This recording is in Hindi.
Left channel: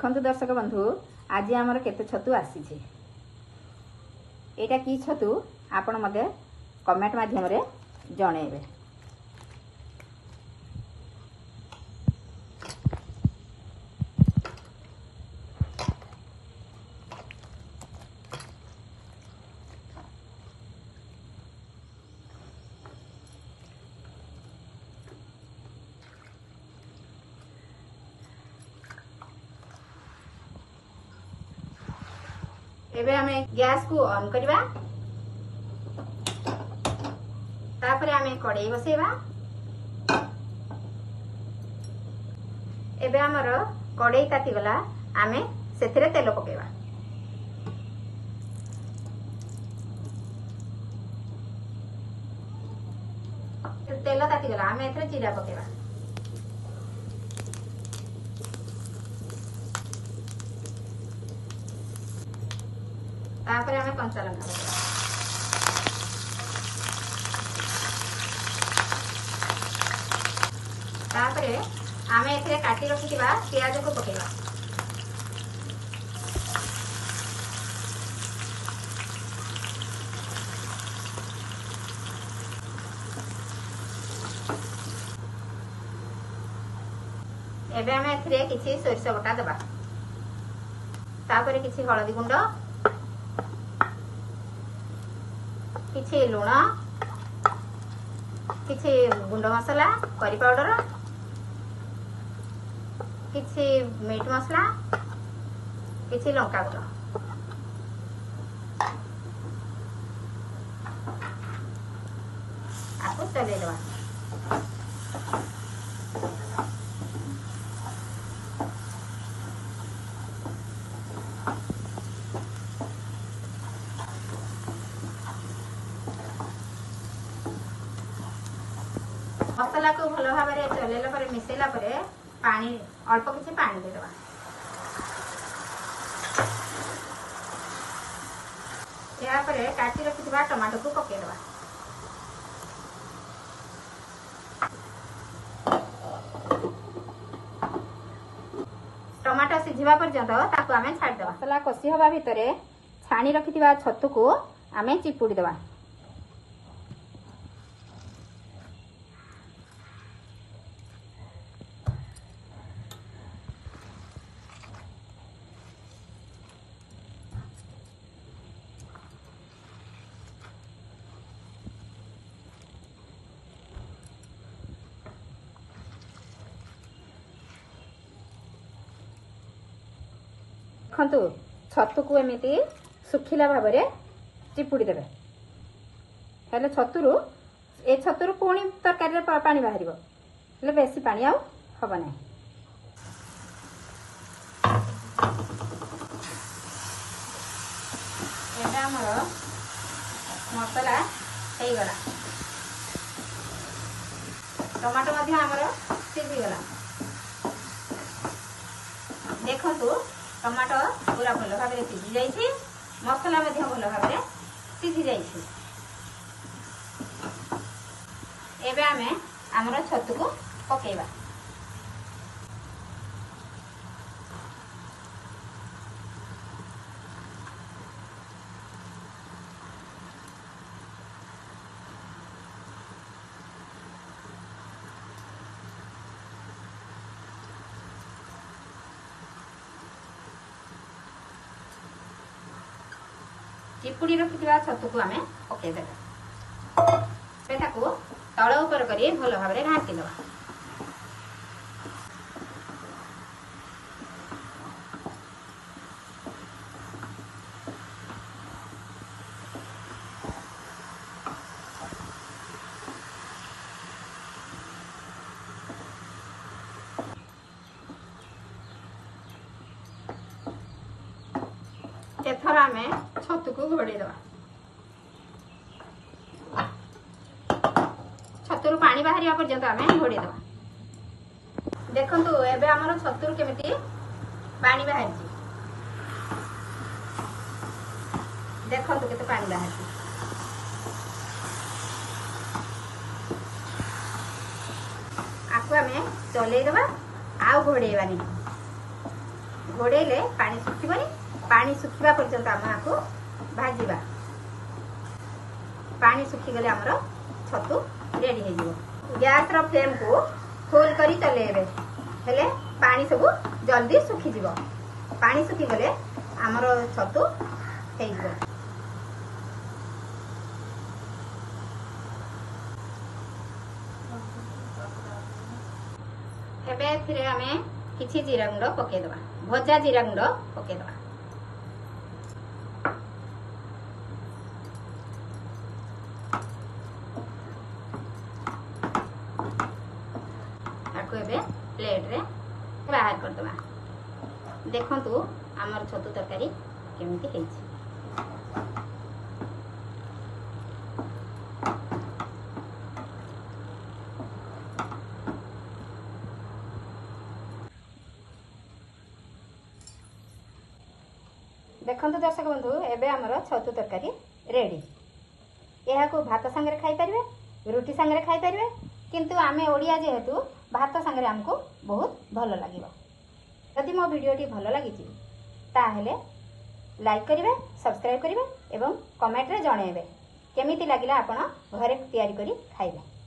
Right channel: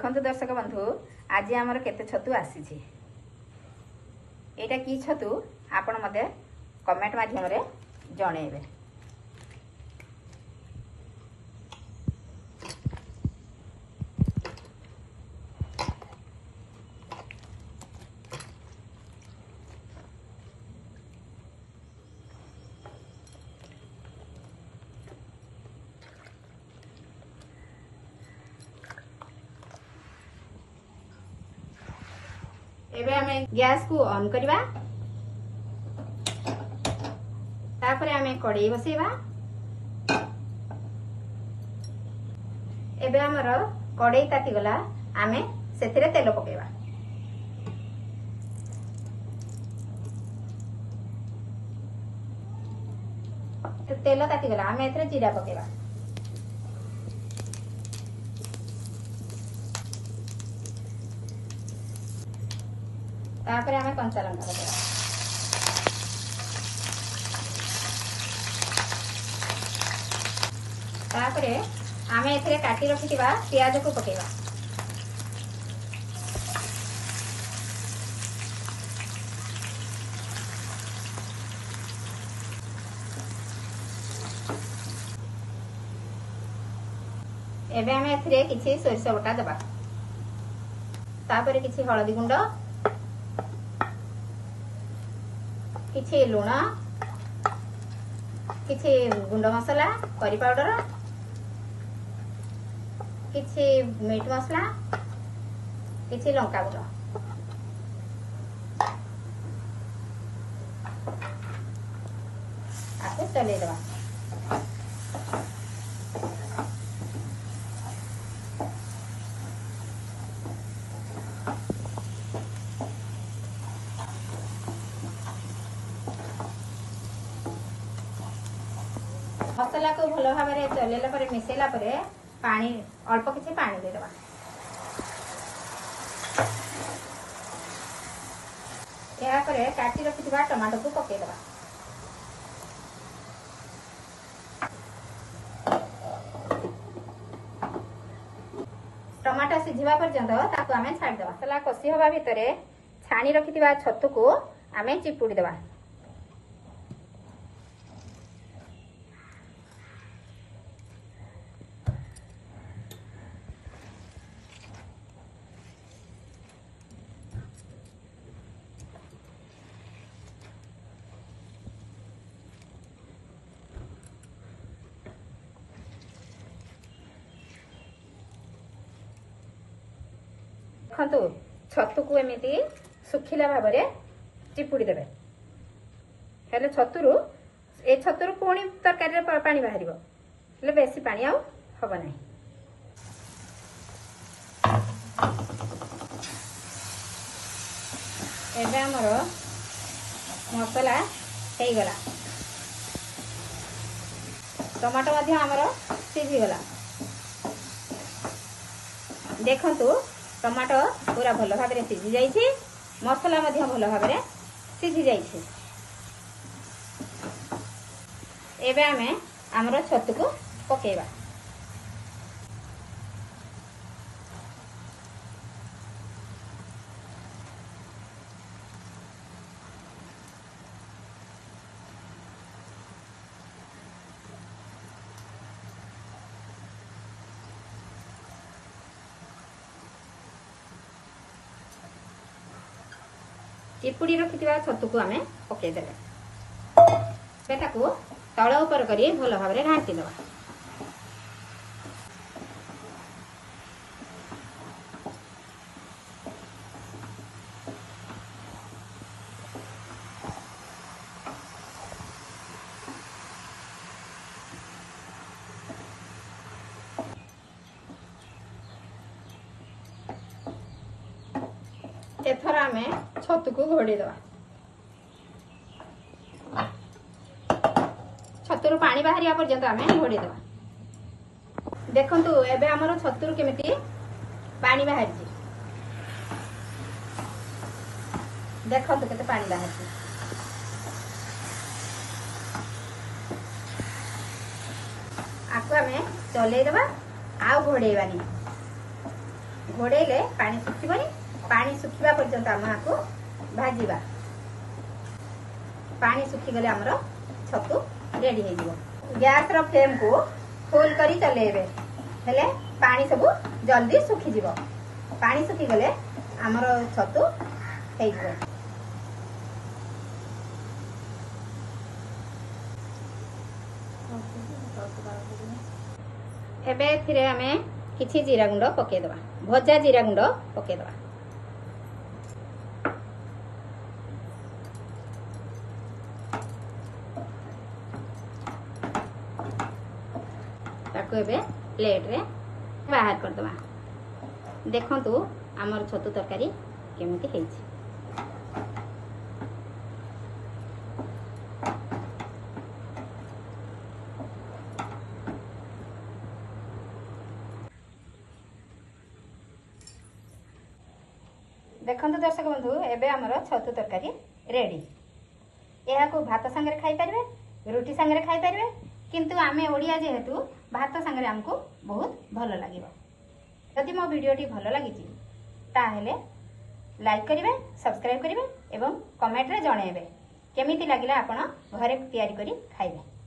देखंतु दर्शक बंधु आज आमर केते छतु आसी एटा की छतु आपण मते कमेंट माध्यम रे जणेबे। एबे हमें गैस को ऑन करवा तापर हमें कड़ाई बसेवा। एबे हमर कड़ाई ताती गला हमें सेथिरे तेल पकेवा। तेल ताती गला हमें एथरे जीरा पकेवा। तापर हमें कंचा लंका पकेवा। तापर हमें एथरे काटी रखिथिबा प्याज को पकेवा। एबे हमें एथरे किछि सोरिष बटा देबा। तापर किछि हळदी गुंड, किछि लुण, किछि गुंड मसला करी पाउडर, किछि मीट मसला, किछि लंका गुंड। आपको चले देवा। मसला को भल भाव चलेला पर मिसेला पर पानी अल्प किसी पानी देदेबा। या पर काटी रखिथिबा टमाटो को पकेदेबा। टमाटो सिझिबा पर्यंत ताकू आमे छाड़ देबा। मसला कसी हवा भितरे छाणी रखिथिबा छतु को आमे चिपुड़ी देबा। देखंतु छतु को एमिति सुखिला भाव में चिपुड़ी देबे। हेले छतुरु ए छतुरु पुणी तरकारी रे पानी बाहरिबो। हेले बेसी पानी आउ हबो नै। एबे हमर मसला हेई गला। टमाटो मध्य हमर सिझी गला। देखंतु टमाटो पूरा भल भाव में सिझी जाइए। मसला मध्य भल भाव में सिझी जाइए। एबे आमे हमर छतु को पकेबा। चिपुड़ी रखिथिबा छतु को आमे पकेई देबा। सेटाकू तळ ऊपर करी भल भाव में घांटी देबा। एथर आमे छतु को घोड़े देवा। छतुर पानी बाहरिया पर्यंत आमे घोड़े देवा। देखंतु एबे हमर छतुर केमिति पानी बाहरछि। देखंतु केते पानी बाहरछि। आकु आमे चले देवा। आउ घोड़ेबानी। घोड़े पानी सुखिबनी पानी सुखिबा पर्यंत आम आपको भाजिबा पानी सुखीगले आमर छतु रेडी हो गैस रो फ्लेम को फुल करी चलेबे हेले पानी सब जल्दी सुखी जीवो पानी सुखीगले आमर छतु हो एबे एथिरे आमे किछि जीरा गुंड पके दबा भजा जीरा गुंड पके दबा ताको एबे प्लेट रे बाहर कर दबा देखंतु हमर छतु तरकारी केमिति हेछि देखते दर्शक बंधु एबे हमर छतु तरकारी रेडी यह को भात संगे खाई पारे रुटी संगे खाई पारे किंतु आमे ओडिया जेहेतु भात संगे हमको बहुत भल लगे यदि मो वीडियोटी भल लगी ताहले लाइक करिवे सब्सक्राइब करिवे एवं कमेंट रे जणाइबे केमिति लागिला आपण घरे तैयारी करी खाइबे।